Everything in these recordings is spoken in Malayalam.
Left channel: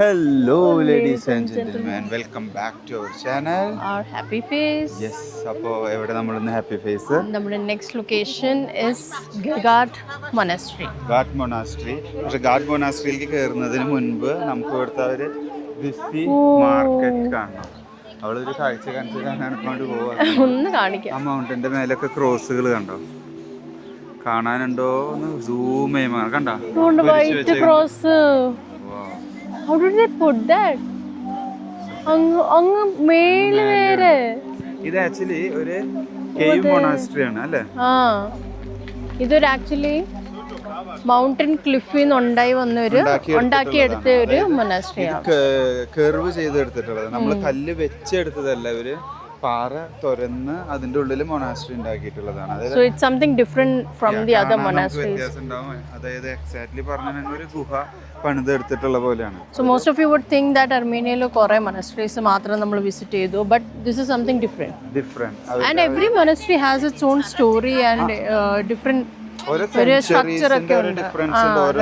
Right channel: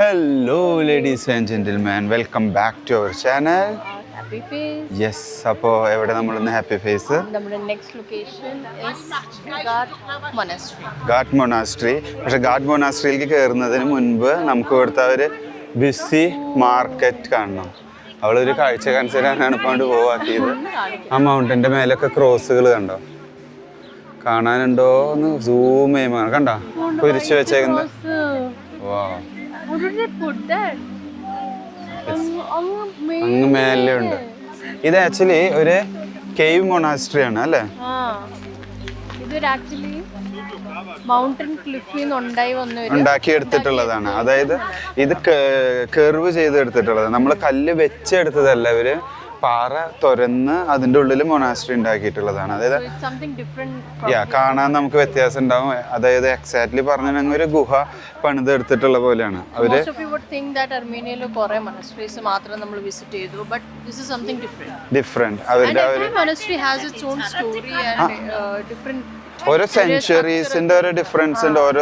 Hello, ladies and gentlemen. Welcome back to our channel. Our happy face. Yes, അപ്പോൾ എവിടെ നമ്മളിന്ന് ഹാപ്പി ഫേസ് നമ്മുടെ next location is Ghat monastery. Ghat monastery. പക്ഷെ ഗാട്ട് മൊനാസ്ട്രിയിലേക്ക് കയറുന്നതിന് മുൻപ് നമുക്ക് ഇവിടുത്തെ ഒരു ബിസി മാർക്കറ്റ് കാണണം. അവളൊരു കാഴ്ച കാണിച്ചാണ് ഇപ്പോൾ കൊണ്ട് പോവാക്കിയത്. ആ മൗണ്ടൻ്റെ മേലൊക്കെ ക്രോസുകൾ കണ്ടോ, കാണാനുണ്ടോ എന്ന് സൂം ചെയ്യുമ്പോൾ കണ്ടോ കുരിശ് വെച്ചേക്കുന്നത്. How did they put that? ഇത് ആക്ച്വലി ഒരു കേവ് മൊനാസ്ട്രി ആണ് അല്ലേ? ഇതൊരു ആക്ച്വലി മൗണ്ടൻ ക്ലിഫിൽ നിന്ന് ഉണ്ടാക്കിയെടുത്തിട്ടുള്ളതാണ്. അതായത് ഇത് കർവ് ചെയ്തെടുത്തിട്ടുള്ളത്. നമ്മൾ കല്ല് വെച്ചെടുത്തതല്ല, ഇവര് പാറ തുരന്ന് അതിന്റെ ഉള്ളിൽ മൊനാസ്ട്രി ഉണ്ടാക്കിയിട്ടുള്ളതാണ്. അതായത് കാണാൻ നമുക്ക് വ്യത്യാസം ഉണ്ടാവും. അതായത് എക്സാക്ട്ലി പറഞ്ഞാൽ ഒരു ഗുഹ പണിതെടുത്തിട്ടുള്ള പോലെയാണ്. അർമേനിയയിൽ കുറെ മൊനാസ്ട്രീസ് മാത്രം നമ്മൾ വിസിറ്റ് ചെയ്തു, but this is something different. Every monastery has it's on story and different. ഓരോ സെഞ്ചുറീസിന്റെ ഒരു ഡിഫറൻസ് ഉണ്ട്. ഓരോ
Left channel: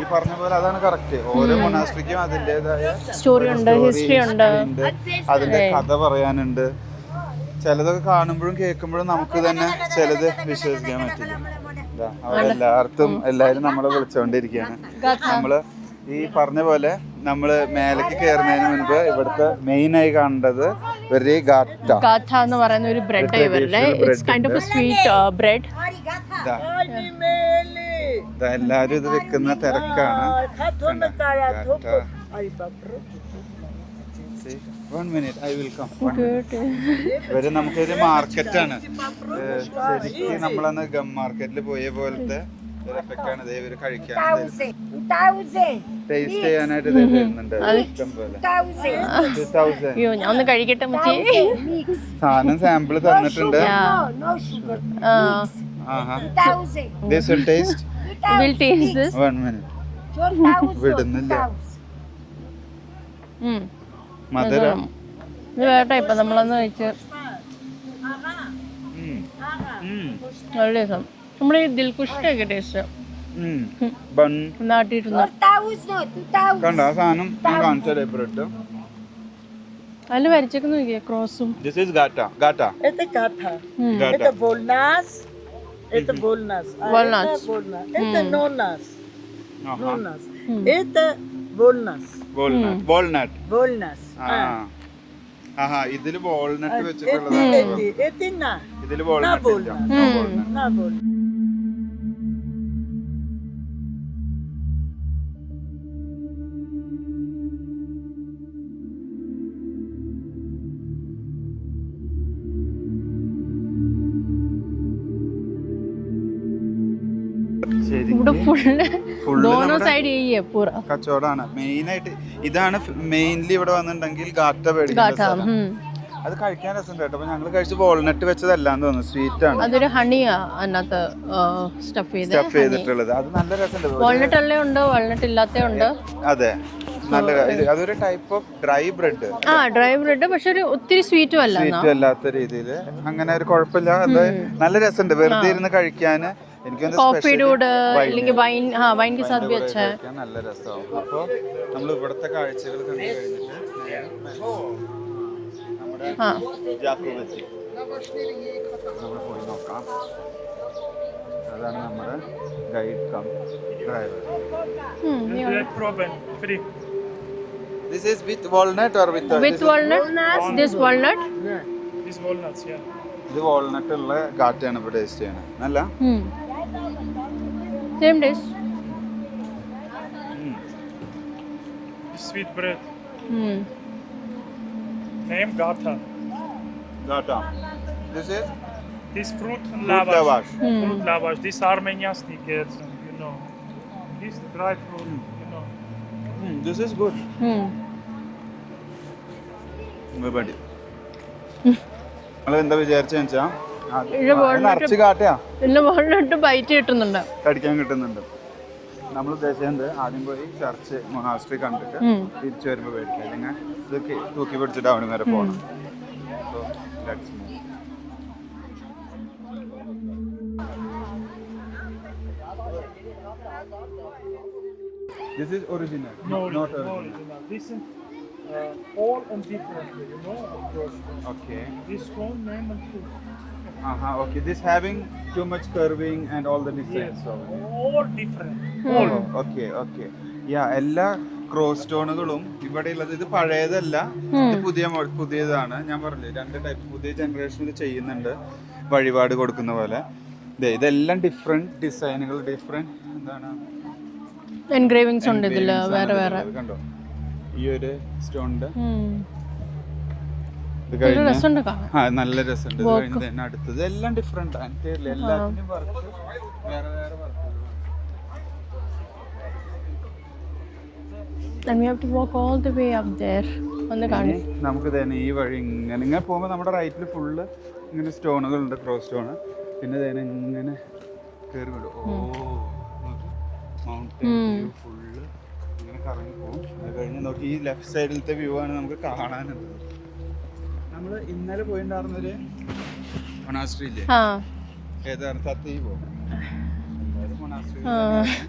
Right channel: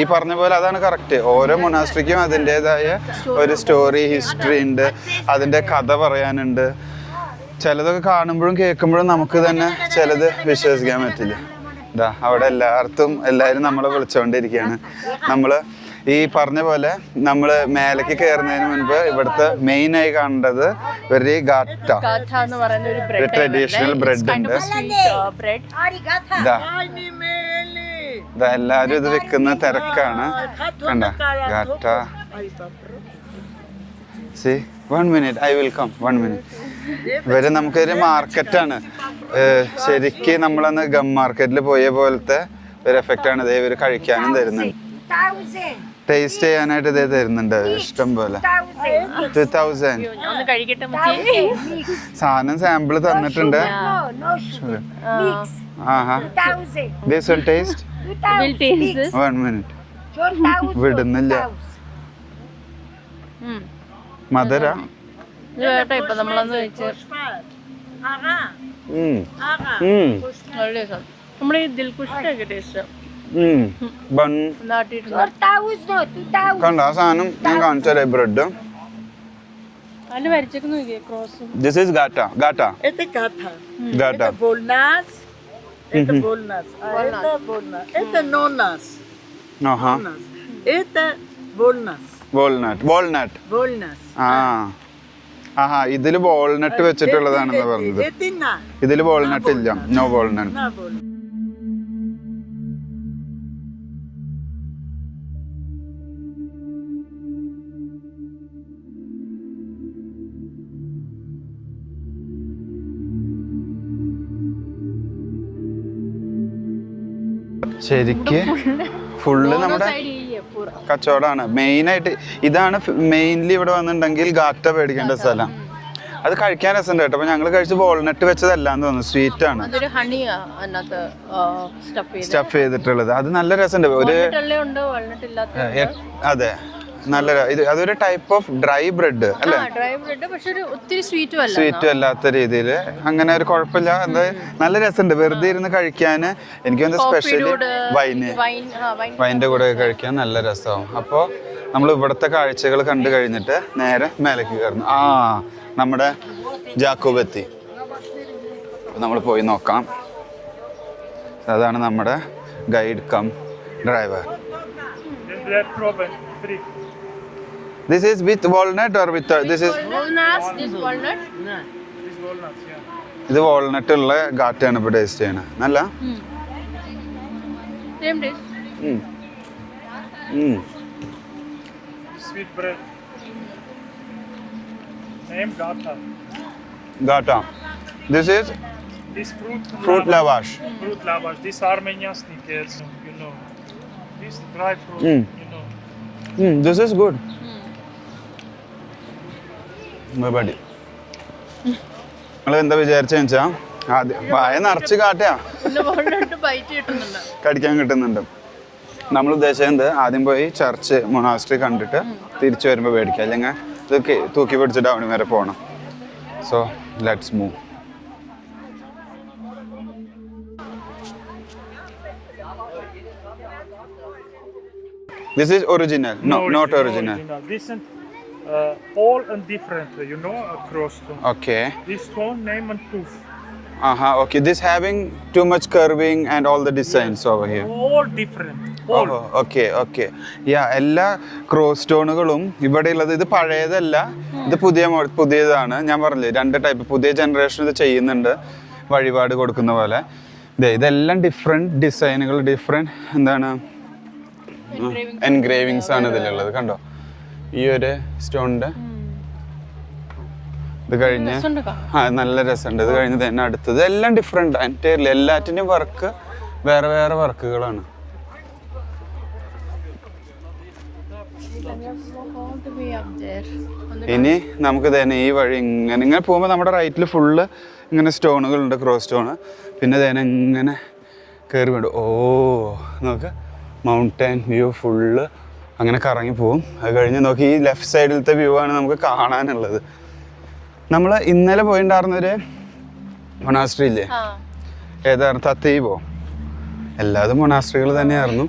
ഈ പറഞ്ഞ പോലെ അതാണ് കറക്റ്റ്. ഓരോ മൊനാസ്ട്രിക്കും അതിൻ്റെതായ ഒരു സ്റ്റോറി, ഹിസ്റ്ററി ഉണ്ട്, അതിന്റെ കഥ പറയാനുണ്ട്. ചിലതൊക്കെ കാണുമ്പോഴും കേൾക്കുമ്പോഴും നമുക്ക് തന്നെ ചിലത് വിശ്വസിക്കാൻ പറ്റില്ല. ഇതാ അവിടെ എല്ലാവരും നമ്മളെ വിളിച്ചുകൊണ്ടിരിക്കുകയാണ്. നമ്മള് ഈ പറഞ്ഞ പോലെ നമ്മള് മേലേക്ക് കയറുന്നതിന് മുൻപ് ഇവിടുത്തെ മെയിൻ ആയി കാണേണ്ടത് ഒരു ട്രഡീഷണൽ ബ്രെഡ്. എല്ലാരും ഇത് വിൽക്കുന്ന തിരക്കാണ്. കണ്ട ഗാറ്റ. One minute, I will come. 1 minute. ഇവര് നമുക്കൊരു മാർക്കറ്റാണ്. ശരിക്കും നമ്മളന്ന് ഗം മാർക്കറ്റിൽ പോയ പോലത്തെ ഒരു എഫക്റ്റ് ആണ് ഇവര് കഴിക്കാനും തരുന്നത്. ടേസ്റ്റ് ചെയ്യാനായിട്ട് ഇത് തരുന്നുണ്ട് ഇഷ്ടം പോലെ. 2000 സാധനം സാമ്പിൾ തന്നിട്ടുണ്ട്. This one taste? One minute. വിടുന്നില്ല. മധുരം ഇപ്പൊ നമ്മളന്ന് കഴിച്ച് നമ്മുടെ ഈ ദിൽകുഷിന്റെ ടേസ്റ്റ് കണ്ട ആ സാധനം ഞാൻ കാണിച്ചാലേ ബ്രെഡ് അതില് വരച്ചേക്ക് നോക്കിയാ ക്രോസും. This is gata. Gata. Это gata. Gata. Это volnas. Это volnas. Это nonas. Aha. Это volnas. Walnut. Walnut. Volnas. ആഹാ, ഇതില് വാൾനട്ട് വെച്ചിട്ടുള്ളതാണ് പറഞ്ഞത്. ഇതില് വാൾനട്ട് ഇല്ല. No walnut. ശരിക്ക് ഫുള്ള് നമ്മുടെ കച്ചവടമാണ്. മെയിനായിട്ട് ഇതാണ് മെയിൻലി ഇവിടെ വന്നിട്ടുണ്ടെങ്കിൽ ഗാറ്റ മേടിക്കേണ്ട സ്ഥലം. അത് കഴിക്കാൻ രസമുണ്ട് കേട്ടോ. അപ്പൊ ഞങ്ങള് കഴിച്ച് വാൾനട്ട് വെച്ചതല്ലാന്ന് തോന്നുന്നു, സ്വീറ്റ് ആണ് സ്റ്റഫ് ചെയ്തിട്ടുള്ളത്. അത് നല്ല രസമുണ്ട്. അതെ, നല്ല അതൊരു ടൈപ്പ് ഓഫ് ഡ്രൈ ബ്രെഡ് അല്ലേ? പക്ഷെ ഒത്തിരി സ്വീറ്റും അല്ലാത്ത രീതിയിൽ അങ്ങനെ ഒരു കുഴപ്പമില്ല. അത് നല്ല രസമുണ്ട് വെറുതെ ഇരുന്ന് കഴിക്കാന്. എനിക്ക് സ്പെഷ്യലി വൈൻ്റെ കൂടെ കഴിക്കാൻ നല്ല രസമാവും. അപ്പോൾ നമ്മൾ ഇവിടുത്തെ കാഴ്ചകൾ കണ്ടു കഴിഞ്ഞിട്ട് നേരെ മേലേക്ക് കയറുന്നു. നമ്മുടെ ജാക്കോബ് എത്തി. നമ്മൾ പോയി നോക്കാം. അതാണ് നമ്മുടെ guide cum driver. This is with walnut or with this walnuts? This walnut? Yeah. This walnuts, yeah. ഇത് വാൾനട്ട് ഉള്ള ഗാറ്റയാണ് ഇപ്പോൾ ടേസ്റ്റ് ചെയ്യണത്. നല്ല same taste. Sweet bread. Name gata. Gata. This is fruit lavash. Fruit lavash. This Armeniasnik, you know. This dry fruit, you know. This is good. Everybody. എന്താ വിചാരിച്ചാ നിറച്ച് കാട്ടയാ കടിക്കാൻ കിട്ടുന്നുണ്ട്. നമ്മൾ ഉദ്ദേശിച്ചത് ആദ്യം പോയി ചർച്ച് മൊനാസ്ട്രി കണ്ടിട്ട് തിരിച്ചു വരുമ്പോൾ മേടിക്കാം, അല്ലെങ്കിൽ ഇതൊക്കെ തൂക്കി പിടിച്ച് ടൗൺ വരെ പോകണം. So let's move. This is original. No, not original. This is all and different, you know, across stone. Okay. This stone name and tooth. Okay. This having too much curving and all the designs over here. All different. Okay എല്ലാ ക്രോസ് സ്റ്റോണുകളും ഇവിടെ ഉള്ളത് ഇത് പഴയതല്ല, ഇത് പുതിയതാണ്. ഞാൻ പറഞ്ഞില്ലേ 2 ടൈപ്പ് പുതിയ ജനറേഷൻ ഇത് ചെയ്യുന്നുണ്ട് വഴിപാട് കൊടുക്കുന്ന പോലെ. ഇതെല്ലാം ഡിഫറെന്റ് ഡിസൈനുകൾ, ഡിഫറെന്റ് എന്താണ് എൻഗ്രേവിങ്സ് ആണ് ഇതിലുള്ളത്. കണ്ടോ ഈ ഒരു സ്റ്റോണിന്റെ ഇത് കഴിഞ്ഞ് നല്ല രസമുണ്ട്. ഇത് കഴിഞ്ഞ് തന്നെ അടുത്തത് എല്ലാം ഡിഫറെന്റ് എൻറ്റയർലി എല്ലാറ്റിന്റെയും വർക്ക് വേറെ വേറെ വർക്കുകളാണ്. And we have to walk all the way up there. ഇനി നമുക്ക് തന്നെ ഈ വഴി ഇങ്ങനെ പോകുമ്പോൾ നമ്മുടെ റൈറ്റിൽ ഫുള്ള് ഇങ്ങനെ സ്റ്റോണുകളുണ്ട്, ക്രോസ് സ്റ്റോണ്. പിന്നെ തന്നെ ഇങ്ങനെ കയറി വേണ്ട. നോക്ക് മൗണ്ടൻ വ്യൂ ഫുള്ള് അങ്ങനെ കറങ്ങി പോവും. അത് കഴിഞ്ഞ് നോക്കി ഈ ലെഫ്റ്റ് സൈഡിലത്തെ വ്യൂ ആണ് നമുക്ക് കാണാനുള്ളത്. നമ്മൾ ഇന്നലെ പോയിട്ടുണ്ടായിരുന്നൊരു മൊണാസ്ട്രി ഇല്ലേ, ഏതായിരുന്നു തത്തീവോ, എല്ലാതും മൊണാസ്ട്രികൾ തന്നെയായിരുന്നു.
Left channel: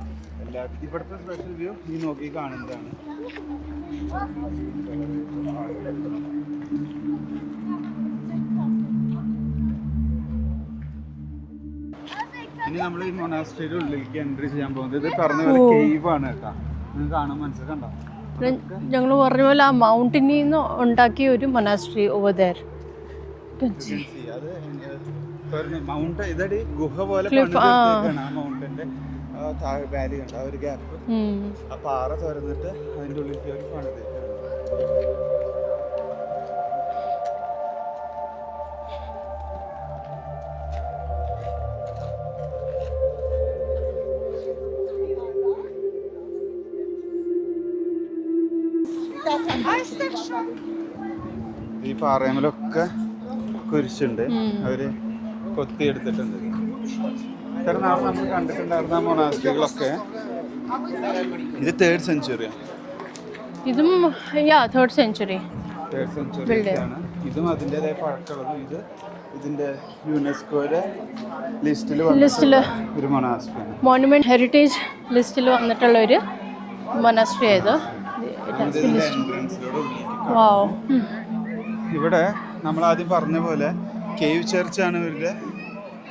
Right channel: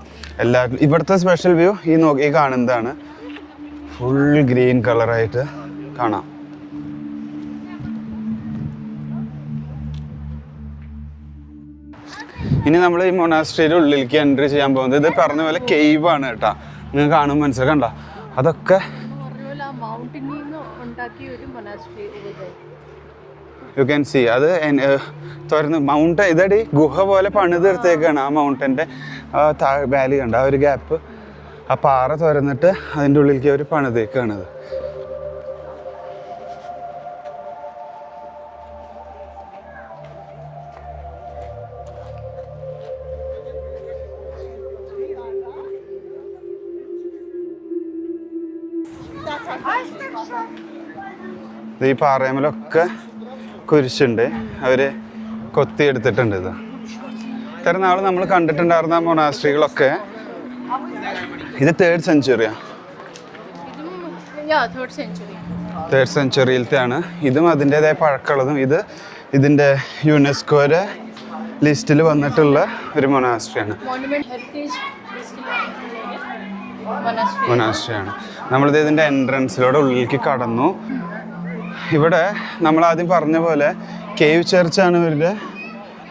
ഇവിടുത്തെ സ്പെഷ്യൽ വ്യൂ ഈ കാണുന്നതാണ്. ഫുൾ ഗ്രീൻ കളറായിട്ട് കാണാം. ഇനി നമ്മൾ ഈ മൊണാസ്ട്രിയുടെ ഉള്ളിലേക്ക് എൻട്രി ചെയ്യാൻ പോകുന്നത് ഇത് പറഞ്ഞ പോലെ കേവ് ആണ് കേട്ടോ. നിങ്ങൾക്ക് കാണുമ്പോൾ മനസ്സിലായി കണ്ടോ, അതൊക്കെ ഞങ്ങൾ പറഞ്ഞ പോലെ ആ മൗണ്ടനിൽ നിന്ന് ഉണ്ടാക്കിയ ഒരു monastery over there. You can see അത് തുറന്ന് മൗണ്ടൻ ഇതടി ഗുഹ പോലെ പണി തീർത്തേക്കാണ്. ആ മൗണ്ടന്റെ വാലി കണ്ട ആ ഒരു ഗ്യാപ്പ്, ആ പാറ തുറന്നിട്ട് അതിൻ്റെ ഉള്ളിലേക്ക് അവർ പണിതേക്കാണത്. ഈ പാറയമലൊക്കെ കുരിശുണ്ട്, അവര് കൊത്തിയെടുത്തിട്ടുണ്ട്. ഇത്ര നാൾ നമ്മൾ കണ്ടിട്ടുണ്ടായിരുന്ന മൊണാസ്ട്രികളൊക്കെ ഇത് 3rd സെഞ്ചുറിയാ. ഇതും 3rd സെഞ്ചുറി. 3rd സെഞ്ചുറിയിലത്തെയാണ്. ഇതും അതിൻ്റെതായ പഴക്കമുള്ളതും ഇതിൻ്റെ യുനെസ്കോയുടെ ലിസ്റ്റിൽ വന്നിട്ടുള്ള ഒരു മൊണാസ്ട്രിയാണ്. മോണുമെന്റ് ഹെറിറ്റേജ് ലിസ്റ്റിൽ വന്നിട്ടുള്ള ഒരു മൊണാസ്ട്രിയാണ്. നമ്മളിത് ഇതിൻ്റെ എൻട്രൻസിലൂടെ ഉള്ളിലേക്ക് കടന്നു. ഇവിടെ നമ്മൾ ആദ്യം പറഞ്ഞ പോലെ കേവ് ചർച്ചാണ് ഇവരുടെ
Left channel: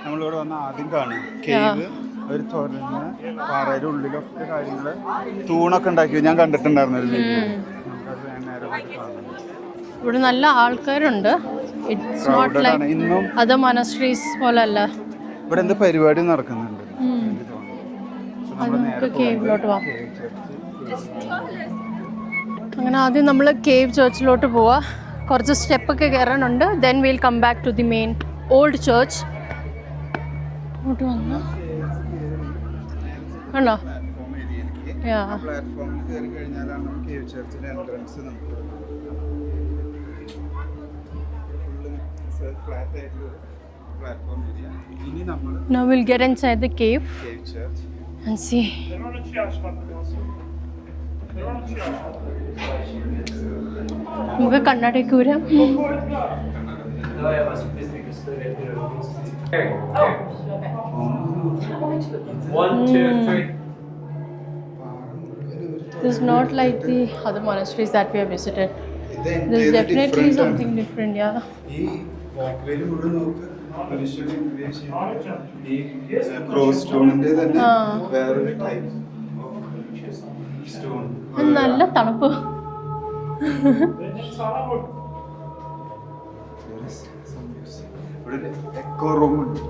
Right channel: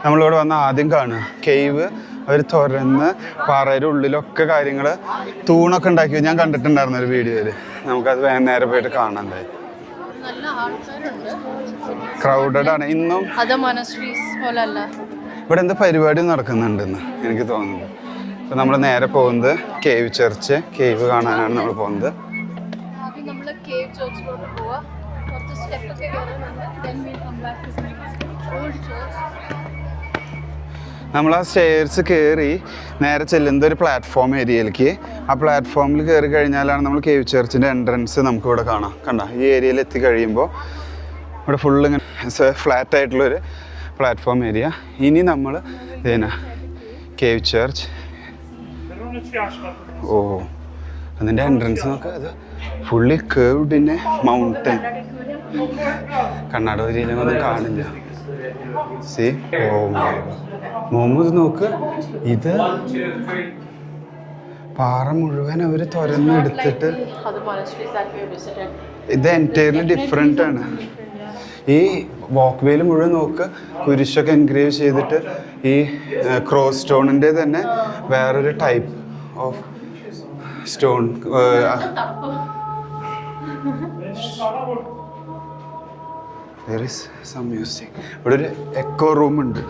നമ്മളിവിടെ വന്ന് ആദ്യം കാണുക. കേവ് അവർ തുറന്ന് പാറയുടെ ഉള്ളിലൊക്കെ കാര്യങ്ങൾ തൂണൊക്കെ ഉണ്ടാക്കി ഞാൻ കണ്ടിട്ടുണ്ടായിരുന്നു ഒരു വീഡിയോയിൽ. നമുക്കത് നേരെ പോയിട്ട് കാണാൻ കഴിയും. ഇവിടെ നല്ല ആൾക്കാരുണ്ട്, ക്രൗഡഡ് ആണ് ഇന്നും. അത് മൊനാസ്ട്രീസ് പോലെ അല്ല. ഇവിടെ എന്ത് പരിപാടി നടക്കുന്നുണ്ടെന്ന് എനിക്ക് തോന്നുന്നു. അപ്പോൾ നമ്മൾ നേരെ പോകുന്നത് കേവ് ചർച്ച്, കേവ് കാണാനാണ് നമ്മൾ പോകുന്നത്. അങ്ങനെ ആദ്യം നമ്മൾ കേവ് ചർച്ചിലോട്ട് പോവാ. കുറച്ച് സ്റ്റെപ്പൊക്കെ കയറാനുണ്ട്. Then will come back to the main old church. നമ്മൾ ആ സ്റ്റെയർസ് കയറി നേരെ ചെല്ലുന്നത് ഒരു പ്ലാറ്റ്ഫോം ഏരിയയിലേക്ക്. ആ പ്ലാറ്റ്ഫോമിൽ കയറി കഴിഞ്ഞാലാണ് നമ്മൾ കേവ് ചർച്ചിൻ്റെ എൻട്രൻസ് നമുക്ക് ഇവിടെ കാണാം. കണ്ട ഈ ഏരിയയിൽ എത്തി കഴിയുമ്പോൾ ഇവിടെ ഫുള്ള് ഇങ്ങനെ ഫ്ലാറ്റ് ആയിട്ടുള്ളൊരു പ്ലാറ്റ്ഫോം ഏരിയ. ഇനി നമ്മൾ കേവ് ചർച്ച്. അതിൻ്റെ എൻട്രൻസ് നോക്കാം. അത് ഫുള്ളി കേവ്ഡിനെ കണ്ണാടൂരിയിലൊന്നും കാണില്ല. സി മുഹമ്മദ് നോക്ക്, ഇത് പാറ മുഴുവൻ അവർ തുറന്നെടുത്തിട്ട് ഇത് എൻറ്റയർലി ഡിഫറെൻ്റ് ആണ്. ഈ വാക്ക് വേയിൽ മുഴുവൻ നോക്ക് കുരിശൊക്കെ എൻഗ്രേവ് ചെയ്തിട്ട് ഈ ക്രോസ് സ്റ്റോണിൻ്റെ തന്നെ വേറൊരു type of stone. There is some music. ഇവിടെ ഒരു എക്കോ റൂം ഉണ്ട്.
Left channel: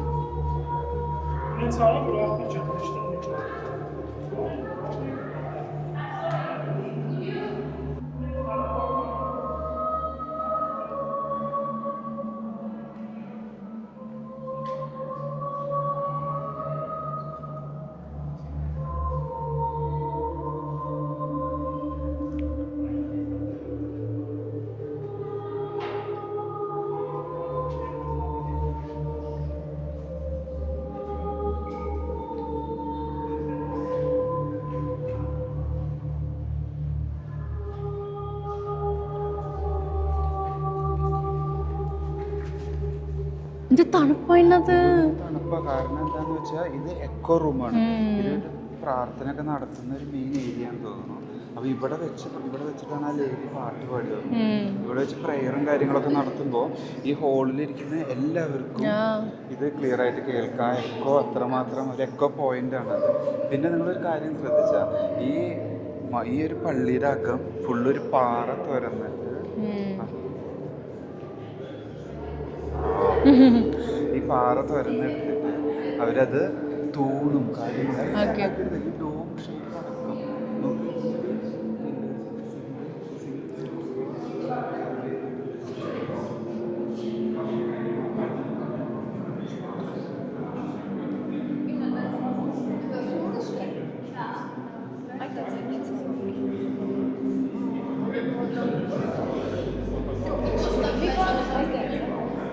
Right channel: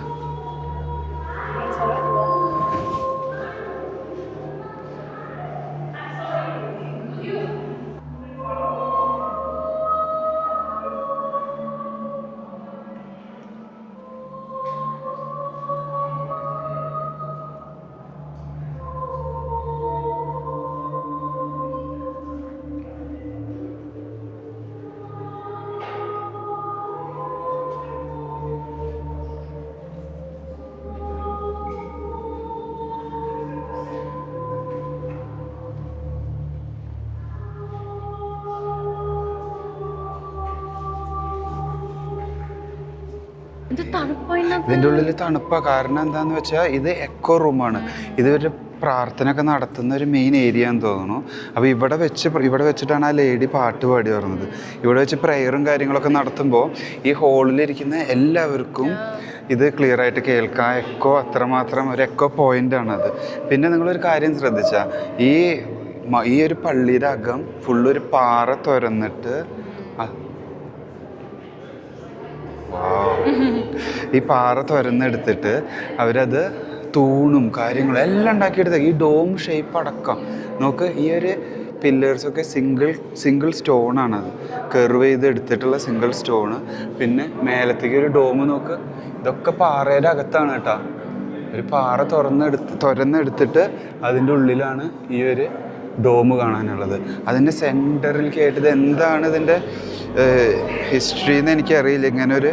ഇതിൻ്റെ ഉള്ളിൽ തണുപ്പാ. കാരണം എന്താന്ന് വെച്ചാൽ ഇത് എക്കോ റൂമാണ്. ഇത് ഒരു പ്രാർത്ഥന ഒക്കെ നടത്തുന്ന ഒരു മെയിൻ ഏരിയ എന്ന് തോന്നുന്നു. അപ്പോൾ ഇവിടെ വെച്ചിട്ടാണ് ആ ലേഡി പാട്ട് പാടി പറഞ്ഞത്. ഇവിടെ വെച്ച് പ്രയറും കാര്യങ്ങളൊക്കെ നടത്തുമ്പോൾ ഈ ഹോളിലിരിക്കുന്ന എല്ലാവർക്കും ഇത് ക്ലിയർ ആയിട്ട് കേൾക്കാം. എക്കോ അത്രമാത്രം ഒരു എക്കോ പോയിൻ്റാണത്. പിന്നെ നിങ്ങളൊരു കാര്യം ശ്രദ്ധിച്ചാൽ ഈ ഒരു പള്ളിയുടെ അകം ഫുള്ളൊരു പാറ തുരന്നിട്ട് ഈ പാറ തുരന്നെടുത്തിട്ട് അവരത് തൂണും കാര്യങ്ങളും എല്ലാം ഉണ്ടാക്കിയെടുത്ത ഈ ഡോം ഷേപ്പ് അടക്കം നോക്ക്. ഈ ഒരു പില്ലേഴ്സൊക്കെ സിംഗിൾ സ്റ്റോണാണത്, കെർവ് ചെയ്ത് എടുത്തിട്ടുള്ള സിംഗിൾ സ്റ്റോണ്. പിന്നെ മേലത്തേക്ക് ഒരു ഡോം നോക്ക്. ഇതൊക്കെ പാറയുടെ അകത്താണ് കേട്ടോ. ഒരു പാറ തുരന്നെടുത്തിട്ട് അതിൻ്റെ ഉള്ളിലാണ് ഈ ഒരു ഡോം കാണാനുള്ളത്. അതിൻ്റെ സെൻറ്ററിലേക്ക് ആയിട്ട് ഇത് എന്താണ് ഇതിൻ്റെ ഹിസ്റ്ററി എന്ന് എനിക്കറിയില്ല. ഇങ്ങനെ ഒരു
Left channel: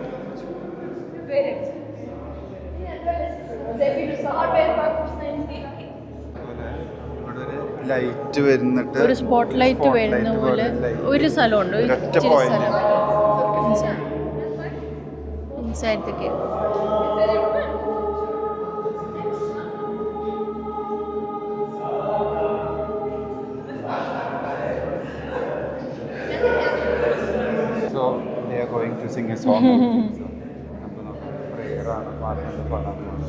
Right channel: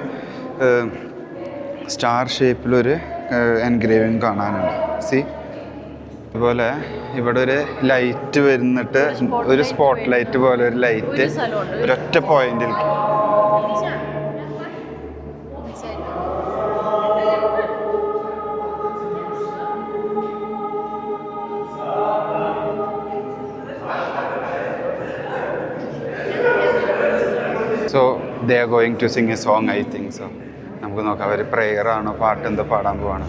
സ്റ്റാർ ഷേപ്പിലൊരു എൻഗ്രേവിങ് കാണാനുണ്ട്. സി അതുപോലെ ഇവിടെ ഒരു ലൈറ്റ് വരുന്നിട്ട് ഒരു സ്പോട്ട് ലൈറ്റ് പോലെ ഒരു ലൈറ്റ് ഒരൊറ്റ point. So they are going to sing a song, I think so. നമുക്ക് നോക്കാം അവർ പ്രെയർ ആണോ പാട്ട് എന്തോ പാടാൻ പോവാണ്.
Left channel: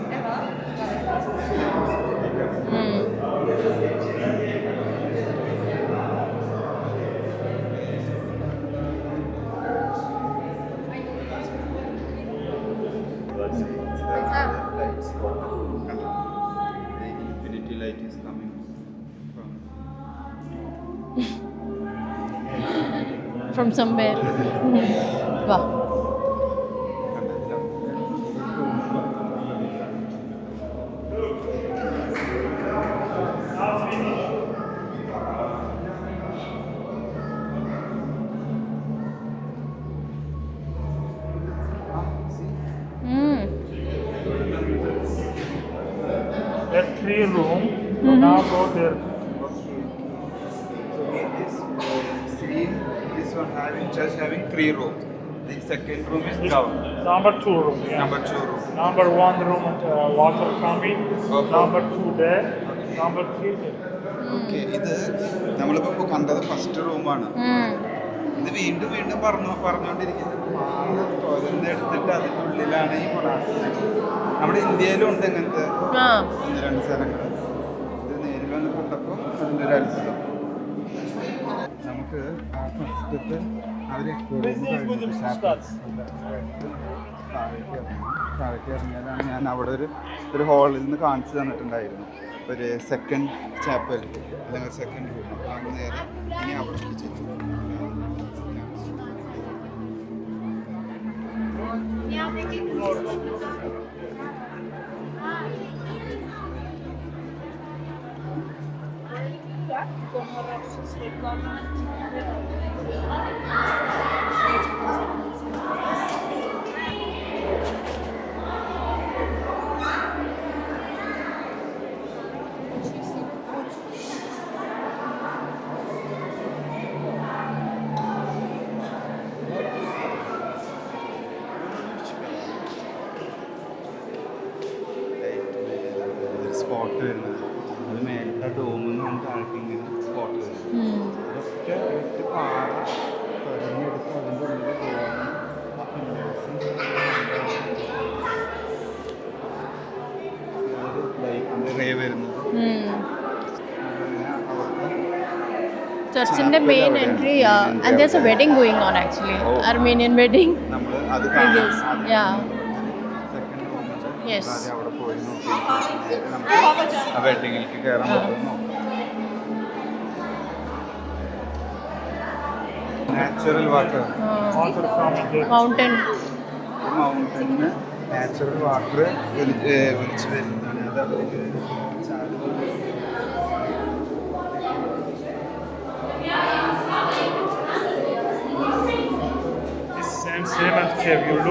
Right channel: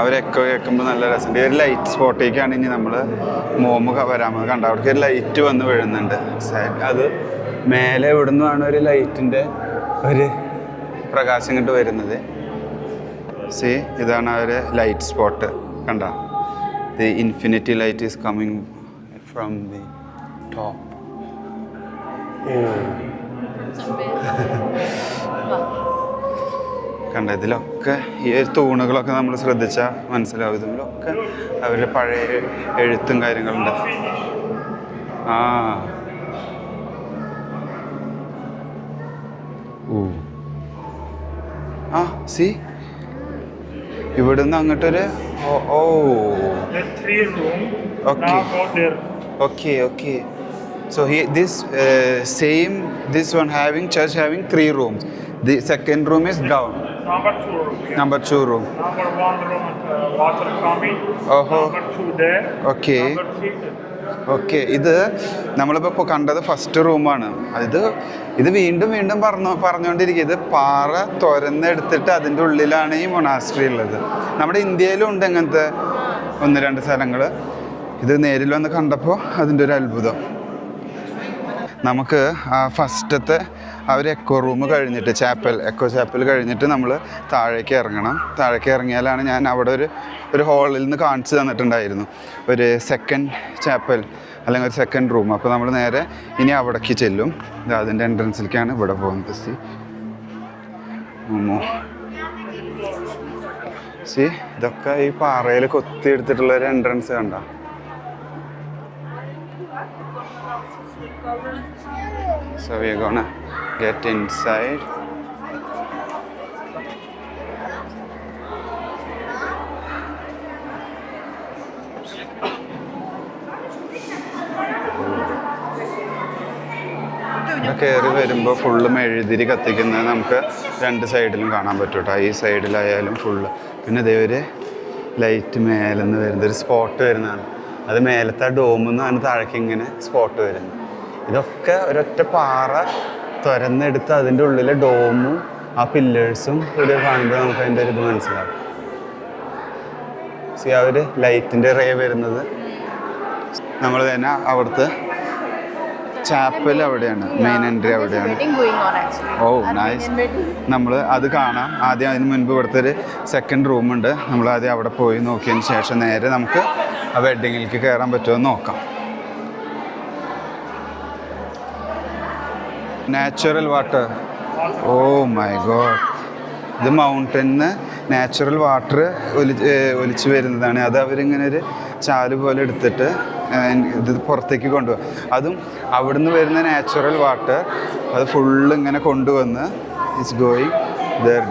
അവരൊക്കെ കേൾക്കുമ്പോൾ നല്ല രസമുണ്ട്. ഒരു ലൈറ്റ് സ്പോട്ടേക്കാണ് ഇനി നമ്മൾ വരാൻ കണ്ട അവിടേക്ക് ഒരു ലൈറ്റ് വന്ന് വീഴുന്നുണ്ട്. അത് മേലെ എവിടെ നിന്നാണ് ഒരു ലൈറ്റിൻ്റെ ഒരു പ്രകാശം ഇങ്ങോട്ട് വരുന്നത്. സി ഇതാണ് ആ ഒരു ലൈറ്റ് സ്പോട്ട് കണ്ട. The infinity light is coming from the top. കണ്ട ഇതിലൊക്കെ ഈ തൂണുകളൊക്കെ നമ്മൾ ശ്രദ്ധിച്ചാൽ മനസ്സിലാവും. ഇതിലൊക്കെ അവരുടെ പഴയ എഴുത്തും കാര്യങ്ങളുണ്ട്. സി ഇവിടുന്ന് അങ്ങോട്ടൊരു okay. So this one church having 3 rooms. The second room is down. Number 2 room. Yeah. Number 2 room. Number 1 room, water coming. Number 2 there. Okay. Number 3 there. Okay. ഇത് നമ്മളിപ്പോൾ കണ്ടത് ഫസ്റ്റ് റൂമാണ്. ഇത് വീണ്ടും പറഞ്ഞുകൊണ്ടിരിക്കുക. ഇത് പാറ തുരന്നെടുത്തിട്ട് അതിൻ്റെ ഉള്ളിലാണ് ഈ മൊണാസ്ട്രി ഉള്ളത്. നമ്മുടെ ഇന്ത്യയിലും ഉണ്ട് അങ്ങനത്തെ 1-2 സ്ഥലങ്ങൾ. ഇത് നേരിൽ വന്ന് കണ്ടപ്പോൾ അതിൻ്റെ ഒരു അത്ഭുതം. നമുക്ക് ഫസ്റ്റത്തെ എക്കോ റൂം കഴിഞ്ഞിട്ട് എക്കോ ചാപ്പൽ കഴിഞ്ഞിട്ട് നമ്മൾ താഴേക്ക് ഇറങ്ങണം. താഴേക്ക് ഇറങ്ങിയാലാണ് ഞാൻ അവിടെ ഒരു ഹാളിൽ നിന്ന് കാണിച്ചു തന്നിട്ടുണ്ടായിരുന്നു ഒരു സെക്കൻഡ് ചാപ്പൽ അല്ലെങ്കിൽ ഒരു സെക്കൻഡ് റൂം. അപ്പോൾ നമ്മൾ നേരെ ഇനി അവിടേക്ക് ചെല്ലും. അതിൻ്റെ എൻട്രൻസിലേക്കാണ് ഇവിടെ പോകുന്നത്. സി ഇതൊക്കെ ഈ പാറയിൽ കൊത്തിയെടുത്തിട്ടുള്ള ഒരു എൻട്രൻസ് കണ്ട. So we're gonna get inside. കയറി വരുമ്പോൾ ഫുള്ള് മെഴുതിരി കത്തിക്കുന്നത് നമുക്ക് 2 സൈഡിലും കാണാൻ പറ്റും കേട്ടോ. ഈ സൈഡിലായാലും ഫുള്ള്. പിന്നെ ഇതേ ഒരു ലൈറ്റ് മേലെ നിന്ന് വരുന്നത് ഒരു സ്പോട്ട് വരുന്നതാണ്. അത് മേലത്തെ ഡോമിൽ നിന്നാണ് താഴേക്ക് ഇങ്ങനെ സ്പോട്ട് വരുന്നത്. ഇതൊക്കെ ഒരൊറ്റ പാറ തുരന്നെടുത്ത് അതിൻ്റെ ഉള്ളിലെ ഡോമും ആ പില്ലേഴ്സും ഒരു കാണുമ്പോൾ നമുക്ക് അതിൻ്റെ ഒരു ഇത് മനസ്സിലാവും. ആ ഒരു ലൈറ്റിൻ്റെ റേ വരുന്നത് നമ്മൾ തന്നെ അവിടുത്തെ നമ്മൾ അത് കാണാം. ആദ്യം അതിന് മുൻപ് ഇവിടുത്തെ ഒരു സെക്കൻഡ് റൂമുണ്ട്. നമ്മൾ ആദ്യം അവിടെ പോയി നോക്കിയതിന് ശേഷം നേരെ നമുക്ക് ആ വെഡിങ്ങിലേക്ക് കയറാൻ പറ്റുമോ നോക്കാം. Natural water. Oh my God. ഇത് മൗണ്ടനിന്ന് നാച്ചുറൽ വാട്ടർ ഒലിച്ചു വരുന്നതാണ്. അത് അവരിങ്ങനെ ഒരു ചാല് പോലെ എടുത്തിട്ട് ഇത് പുറത്തേക്ക് കൊണ്ടുപോകും. അതും അവിടുന്ന് വരുന്ന നാച്ചുറൽ വാട്ടർ അത് ഫുള്ള് ഇങ്ങനെ കൊണ്ടുവന്ന് ഇറ്റ്സ് ഗോയിങ്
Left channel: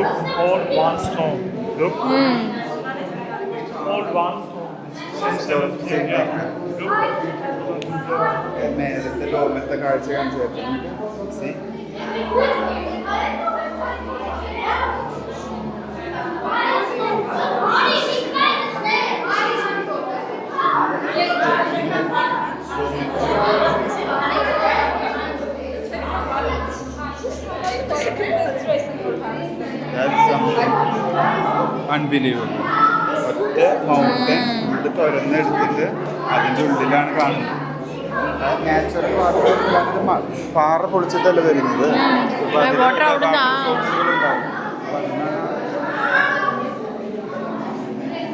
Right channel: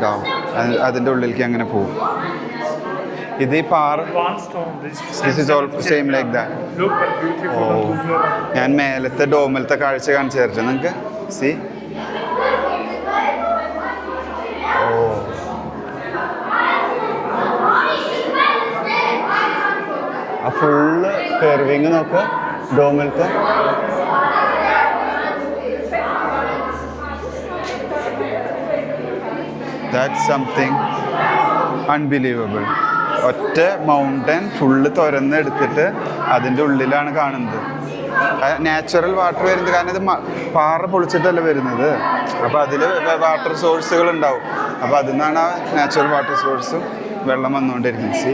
ഡൗൺ. അതിൻ്റെ ഉള്ളിലേക്ക് അങ്ങനെ പോകും. ഇത് ഈ പാറ One stone. This is all same like that. Look at beautiful. ഞാൻ മേലത്തെ ഡോമിലത്തെ കാഴ്ച കാണിച്ചു തരട്ടെ നിങ്ങൾക്ക്. സി ആ ഫുള്ള് കർവിങ് നോക്കുക ഡോമിലത്തെ. That's something unbelievable. ഒറ്റ മൗണ്ടൻ ഫുള്ള് തുരന്നെടുത്തിട്ട് അതിൻ്റെ ഉള്ളിലാണ് കാണുന്നത്. നാച്ചുറൽ വാട്ടർ വരുന്നത് കാരണം ഇത് പാറ പൊളിച്ചിട്ടല്ല വരുന്നത്. അപ്പോൾ അതിൽ വാട്ടർ സോഴ്സുകൾ ഉണ്ടാവും. അപ്പോൾ അതിൽ നിന്നാണ് ആ നാച്ചുറൽ വാട്ടർ സോഴ്സും വെള്ളം വന്നുകൊണ്ടിരിക്കുന്നത്. സി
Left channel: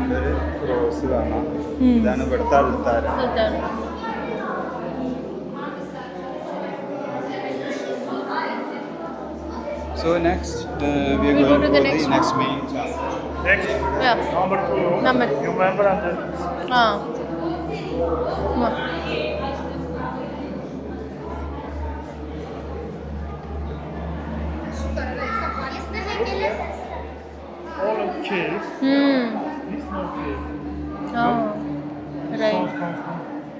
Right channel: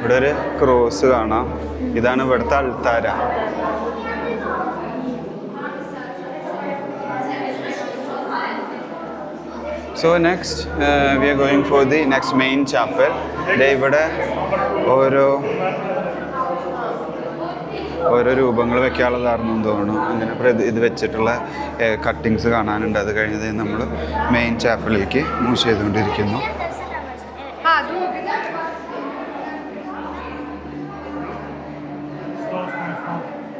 ഇവിടെ ഒരു ക്രോസ് കാണാം. ഇതാണ് ഇവിടുത്തെ അൾത്താര. So next we are going for the next main chapel. ഇവിടെ ഓരോ രൂപങ്ങൾ വെക്കാനുള്ളതാണെന്ന് തോന്നുന്നു. അങ്ങനെ ഇത് വെച്ചിട്ടുള്ള കട്ടിങ്സ് കാണാനുണ്ട്. അത് കഴിഞ്ഞത് നമ്മൾ മെയിൻ ചാപ്പലിലേക്ക് മൂവ് ചെയ്തുകൊണ്ടിരിക്കുന്നു.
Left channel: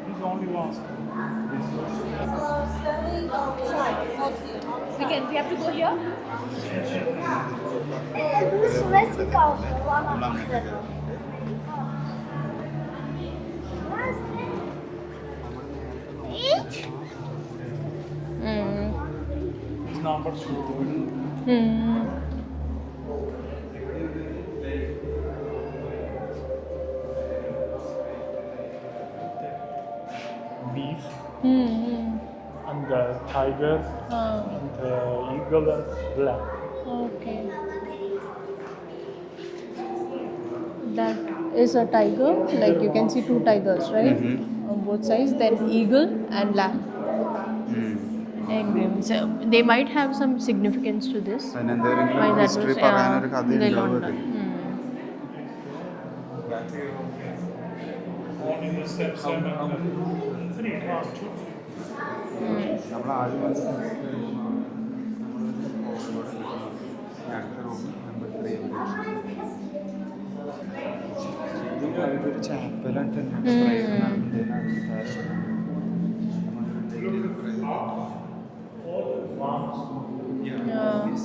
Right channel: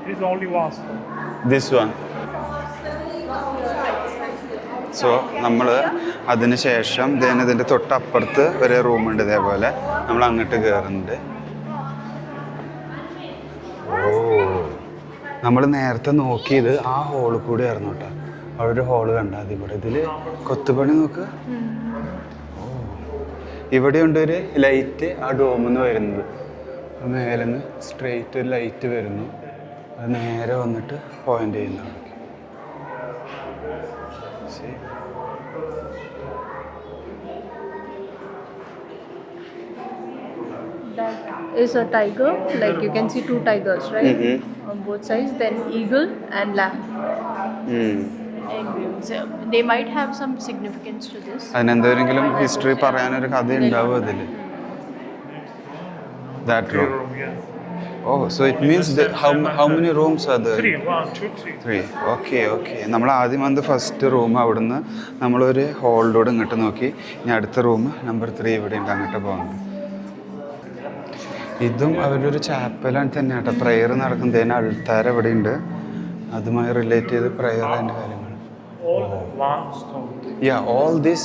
This is only one stone. This one. So നമ്മൾ അതിന് ശേഷം ഇതിൻ്റെ തൊട്ടപ്പുറത്ത് ഒരു റൂമുണ്ട്. ഇതേപോലെ നമ്മൾ അങ്ങോട്ട് കയറുന്നുണ്ട്. നമ്മൾ നേരത്തെ നോക്കിയത് ആ ഹോളിൽ കൂടി ആയിരുന്നു കേട്ടോ. അവിടെ ഒരു ഹോള് കണ്ടാൽ മതി. ഇവിടെ ഇതിൽ കൊത്തുപണി നോക്കുക. ഇവിടെ ഉണ്ട് ഒരു ലൈറ്റ് ആ ഡോമിൽ നിന്ന് വരുന്നത്. മേലെ നിന്ന് സ്ട്രെയിറ്റ് ഒരു ലൈറ്റ് വരുന്നു. അത് നേരെ വന്നിട്ട് പോയിന്റ് ചെയ്യുന്നു. And the tiger, the eagle, black. Okay. That is a tiger. Like you can see two tigers, right? On both sides. Then eagle and lamb. And so they might have some significance to this. അതിനെന്തെങ്കിലും ഹിസ്റ്ററി പറയാനൊരു കഥ ഉണ്ടാവും അതിൽ. That room. Yeah. Oh, so it means that how many rooms are there? 3, 1, 2, 3. 3. Okay. നമ്മൾ ആദ്യം വന്ന് ഫസ്റ്റ് റൂം അവിടുന്ന് നമ്മളൊരു ഹോളിലൂടെ ഇങ്ങോട്ട് നോക്കി. ഇനി അടുത്ത റൂം നമ്പർ 3 ഇവിടെ ഉണ്ട്. അങ്ങോട്ട് പോകുന്നത്. ഇതും അവരുടെ ഒരു ചാപ്പലാണ് തന്നെ കേട്ടോ. പ്രെയർ നടക്കുന്നതിന് അൾത്താര ഇവിടെ ഉണ്ട്. അതുമായി റിലേറ്റ് ചെയ്ത് പ്രെയർ അതിൻ്റെ കാര്യങ്ങൾ. All one stone. Yeah, all this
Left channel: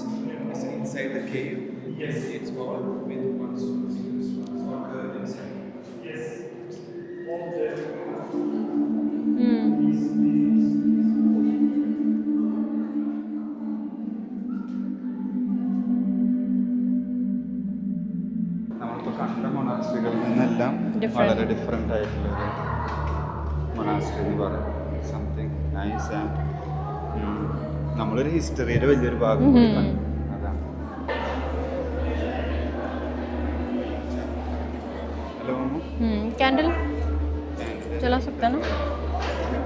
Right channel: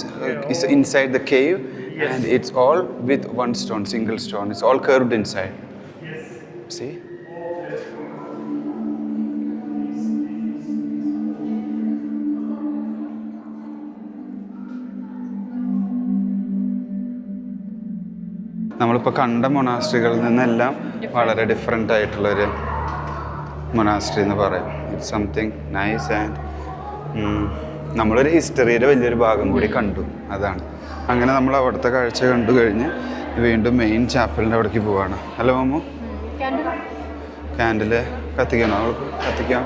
is inside the cave. Yes. And it's all with one stone, single stone. It's all curved inside. Yes. See? നമ്മളിപ്പോൾ കണ്ട മൊണാസ്ട്രികളിൽ നിന്നെല്ലാം വളരെ ഡിഫറെൻ്റ് ആയിട്ടുള്ളൊരു മൊണാസ്ട്രി എന്ന് പറയാം. It's something nice. ആൻഡ് നമ്മളൊരു ഹിസ്റ്ററിയുടെ വലിയൊരു ഭാഗം കൂടി കണ്ടു. അതാണ്. അങ്ങനെ നമ്മൾ അവിടുത്തെ കാഴ്ച കണ്ടു കഴിഞ്ഞ് വീണ്ടും മെയിൻ ചാപ്പലിൻ്റെ അവിടേക്ക് പോവാണ്. ഹലോ മാമു, ക്യാൻഡില് കത്തിക്കണോ? അവൾക്ക് കത്തിക്കാം.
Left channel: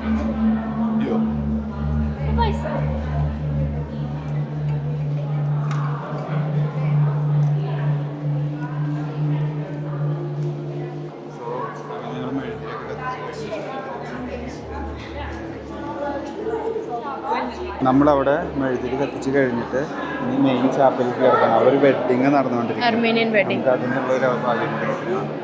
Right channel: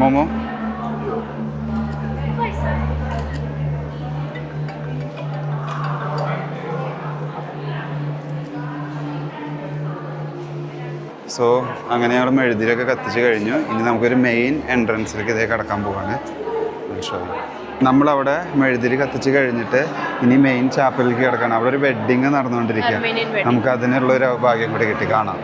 മോമോ സോ അങ്ങനെ ഞങ്ങൾ മെഴുതിരിയൊക്കെ കത്തിച്ച് കഴിഞ്ഞു. ഇനി നമുക്കൊരു മെയിൻ എൻട്രൻസിലേക്ക് ഇതേ കടക്കാൻ പോവാണ്. നമ്മളവിടെ മെഴുതിരി കത്തിച്ച് കഴിഞ്ഞിട്ട് ഇനി മെയിൻ ചാപ്പലിലേക്ക് കിടക്കണം. അവിടെ ഒരു വെഡ്ഡിങ് നടന്നുകൊണ്ടിരിക്കുക. നമുക്ക് അതിനുള്ള ഒരു ഭാഗ്യം കൂടി കിട്ടി കാണാം.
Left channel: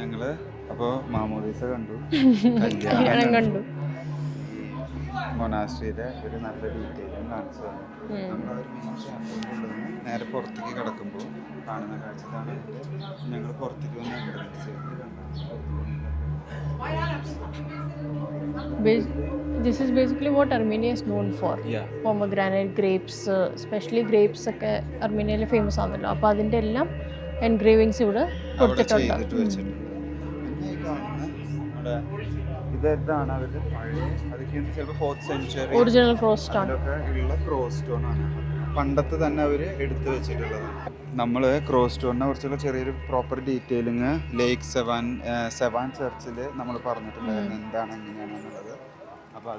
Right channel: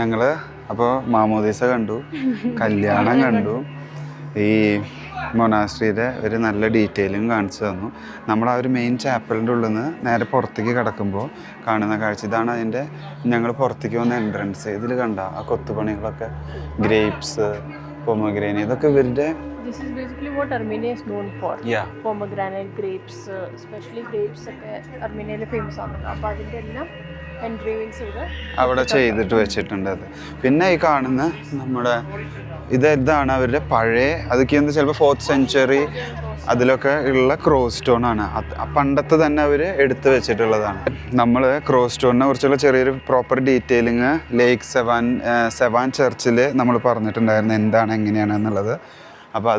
ഞങ്ങള് അപ്പോൾ മാമോദീസ കണ്ടു, കല്യാണം കണ്ടു, ഈ മൊണാസ്ട്രിയുടെ ഒരു നല്ല ഡീറ്റെയിലിംഗ് കാണിച്ചു തന്നു. നമ്മൾ ആ ഒരു മെയിൻ ചാപ്പലിൻ്റെ ഉള്ളിൽ നിന്ന് നേരെ പുറത്തേക്ക് കിടക്കുമ്പോൾ കാണുന്ന കാഴ്ച ഇതാണ്. അതിൻ്റെ ഞങ്ങൾ പുറത്തേക്ക് വന്ന എൻട്രൻസ്. ഇതിൽ കണ്ട ആ കൊത്തുപണികളൊക്കെ, ഗ്രേപ്സ്, പൊമഗ്രാനൈറ്റ്, ഇതൊക്കെ ഇവരുടെ This is basically what Armenia is known for. Yeah. Pomegranate, grapes, especially grapes ഒക്കെ അർമേനിയയിൽ ഫേമസ് ആണല്ലോ. അപ്പോൾ അതിൻ്റെ എല്ലാം എൻഗ്രേവിങ്സ് ഇവിടെ അവിടെ ചെയ്തിട്ട് വെച്ചിട്ടുണ്ട്. അത് പിന്നെ ഈ കാണുന്ന നമ്മുടെ ഇതാണ് അവരുടെ പഴയ, അതൊക്കെ എന്താ ചിലപ്പോൾ 4th century Original cross stone. അതിലൊക്കെ ഉള്ള ക്രോസ് സ്റ്റോൺ ആണ്. പണ്ടത്തെ തന്നെ അവർ എടുത്തു വെച്ചിട്ടുള്ളതാണ്. നമ്മൾ ക്രോസ് സ്റ്റോണിനെ കുറിച്ചുള്ള ചെറിയൊരു പ്രോപ്പർ ഡീറ്റെയിലിങ് ലേക്ക് സെവാൻ ചർച്ചിൽ നമ്മൾ പറഞ്ഞിട്ടുണ്ടായിരുന്നു എന്താണ് എങ്ങനെയാണ് എന്നുള്ളത്. അപ്പോൾ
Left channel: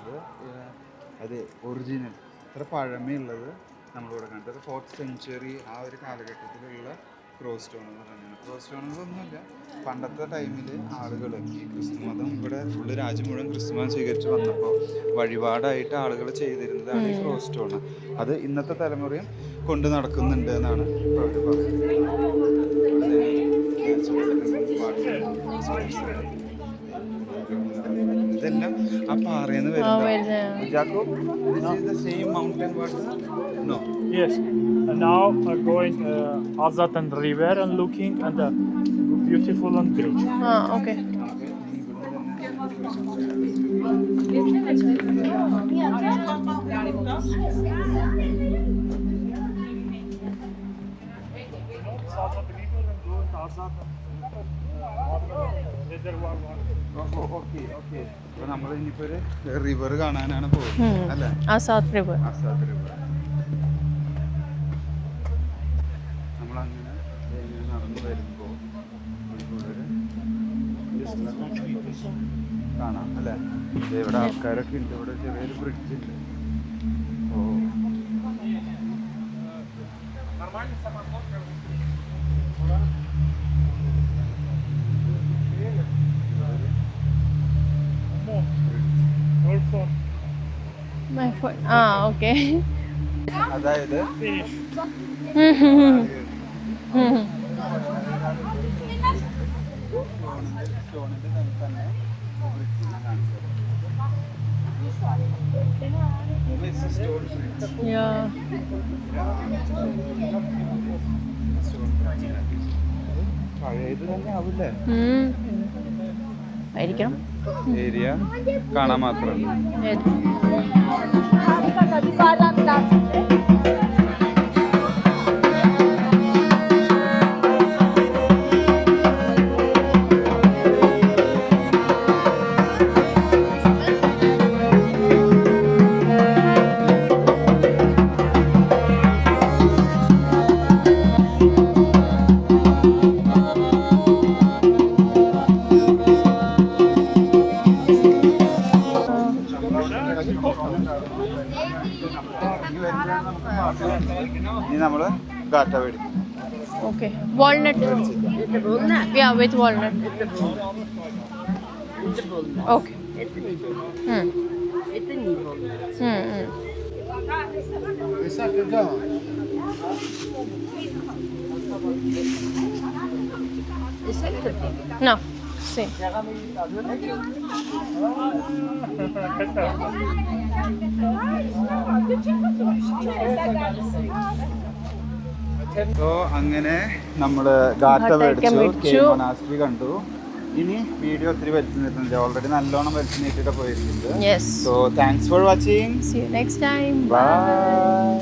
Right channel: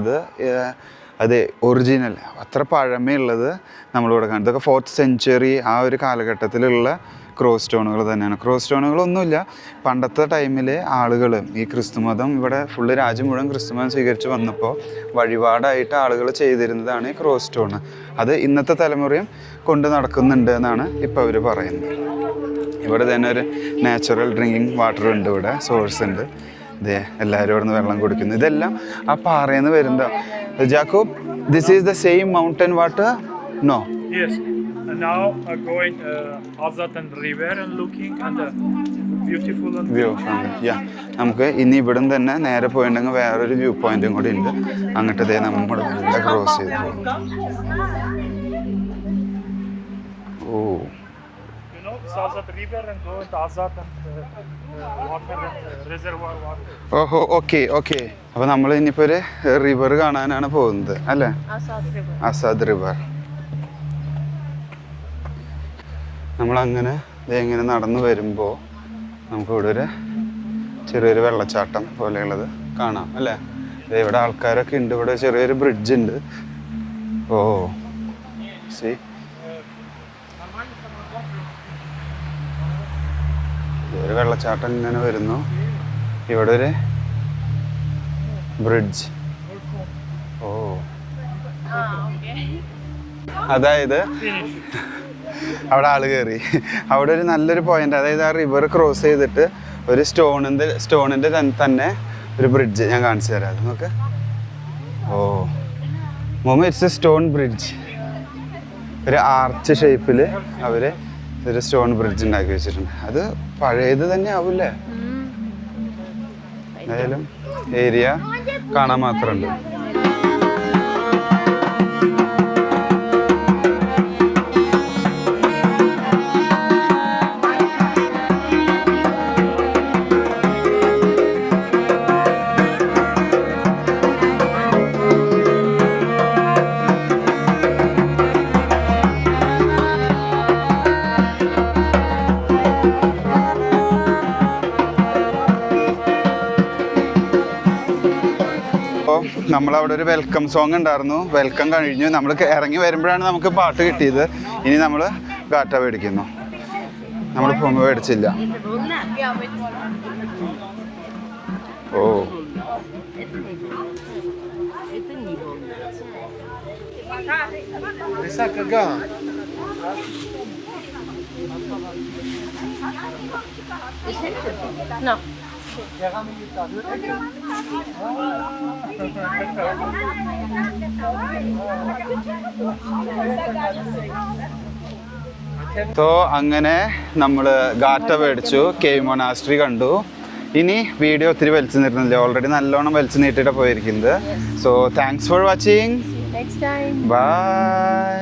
അത് ഒറിജിനൽ അത്ര പഴമയുള്ളത് നമ്മളിവിടെ കാണും. ഇതൊക്കെ 4th സെഞ്ച്വറി ആ ഒരു കാലഘട്ടത്തിലുള്ള ക്രോസ് സ്റ്റോണുകൾ തന്നെയാണ്. ക്രോസ് സ്റ്റോണുകളൊന്നുമില്ല. പണ്ടത്തെ ടൈമിൽ ആളുകൾ ഈ ക്രിസ്തുമതം ഇവിടെ ഫുള്ള് രാജ്യം മുഴുവൻ ക്രിസ്തുമതം സ്വീകരിച്ച് വന്നപ്പോൾ വഴിപാടായിട്ട് ആളുകൾ ചെയ്തിരുന്നതാണ് ഈ ക്രോസ് സ്റ്റോൺ. അത് ഇന്നത്തെ തലമുറയും കൊണ്ട് നടക്കുന്നുണ്ട് എന്നാണ് ഇപ്പോൾ അവർ പറയുന്നത്. ഇവിടെ തന്നെ ഒരു നാച്ചുറൽ ഡ്രിങ്കിങ് വാട്ടർ ഉണ്ട്, ഇവിടെ സോഴ്സ് ഉണ്ട്. ഇതേ എല്ലാവരും ഇവിടെ നിന്ന് വെള്ളം കുടിക്കുന്നു. ഇതെല്ലാം ആ പാറയിൽ നിന്ന് വരുന്നതാണ്. Jacob, this is the same mountain water? No. Yes. And now I'm going Azatan River and looking at the beautiful and view നമുക്ക് ഇനി ഇവിടെ തന്നെ നേരെ പോയിട്ടുണ്ടെങ്കിൽ വേറൊരു വ്യൂ പോയിന്റും കൂടി ഉണ്ട്. അങ്ങോട്ട് ഇതേ നമ്മൾ ക്രോസ് ചെയ്തു. ഓ, Azat River and go to Azatan water reservoir water. ഓഹോ, ഓക്കെ ഓക്കെ. അപ്പോൾ നമ്മൾ ഇനിയിപ്പോൾ ഒരു റിവർ കാണാനാണ് പോകുന്നത് അല്ലേ? Asad River. അസാദ് റിവർ. നമ്മളങ്ങനെ ഇങ്ങനെ നടന്നു വരുമ്പോൾ നമുക്കിവിടെ ഒരു ചെറിയൊരു വെള്ളച്ചാട്ടം പോലെയുള്ളത് കാണാം അല്ലേ? ഇവിടെ ആൾക്കാരൊക്കെ ഉണ്ട്. ഇവിടെ ചെറിയൊരു ബ്രിഡ്ജ് ഉണ്ട്. ഓ സി, ഒരു വെള്ളച്ചാട്ടം ഇങ്ങനെ വരുന്നു. ഇവിടെ ഒരു ബ്രിഡ്ജ്. ഓ, Okay. അതായത് അവിടെ ആള് കയറി. അവിടെ ഒരു നല്ലൊരു പോയിന്റ്, അതായത് ആ റിവർ ക്രോസ് ചെയ്തിട്ട് ഒരു സ്റ്റോണിന്റെ തന്നെ ഒരു ബ്രിഡ്ജ് ഞാൻ കാണിച്ചു തരാം. അത് നോക്ക്. ഓ മോമ, ഇറ്റ്സ് എ സ്റ്റോൺ ബ്രിഡ്ജ്. ഒരു ആർച്ച് ഷേപ്പിൽ അവര് ഒരു സ്റ്റോൺ ബ്രിഡ്ജ് ഉണ്ടാക്കി വെച്ചിട്ടുണ്ട്. അത് പഴയത് തന്നെ ആവൂല്ലേ? എന്തായാലും ഏരിയ കാണാൻ മാത്രമുണ്ട്. നമ്മളവിടെ ഒരു വെൽക്കം സോങ് ഉണ്ടായിരുന്നു. വെൽക്കം കഴിഞ്ഞു. നമ്മൾ ഇറങ്ങി വരുമ്പോഴാണ് നമുക്ക് പാട്ട് കിട്ടിയത്. ഇനി നമ്മൾ ഗാറ്റ മേടിക്കുന്നു. നമ്മൾ പൊങ്ങ മേടിച്ചില്ല. ഓ, No. സോ അങ്ങനെ നമ്മള് ഗാറ്റ മേടിച്ചു, കേവ് മൊനാസ്ട്രി കണ്ടു. ഇനി വീഡിയോ ഒത്തിരി വലിച്ചു നീട്ടുന്നില്ല, ഓൾറെഡി നല്ലോണം വലിച്ചു നീട്ടിട്ട് പോയിരിക്കുന്നത്. So thanks for watching. See you next time. By.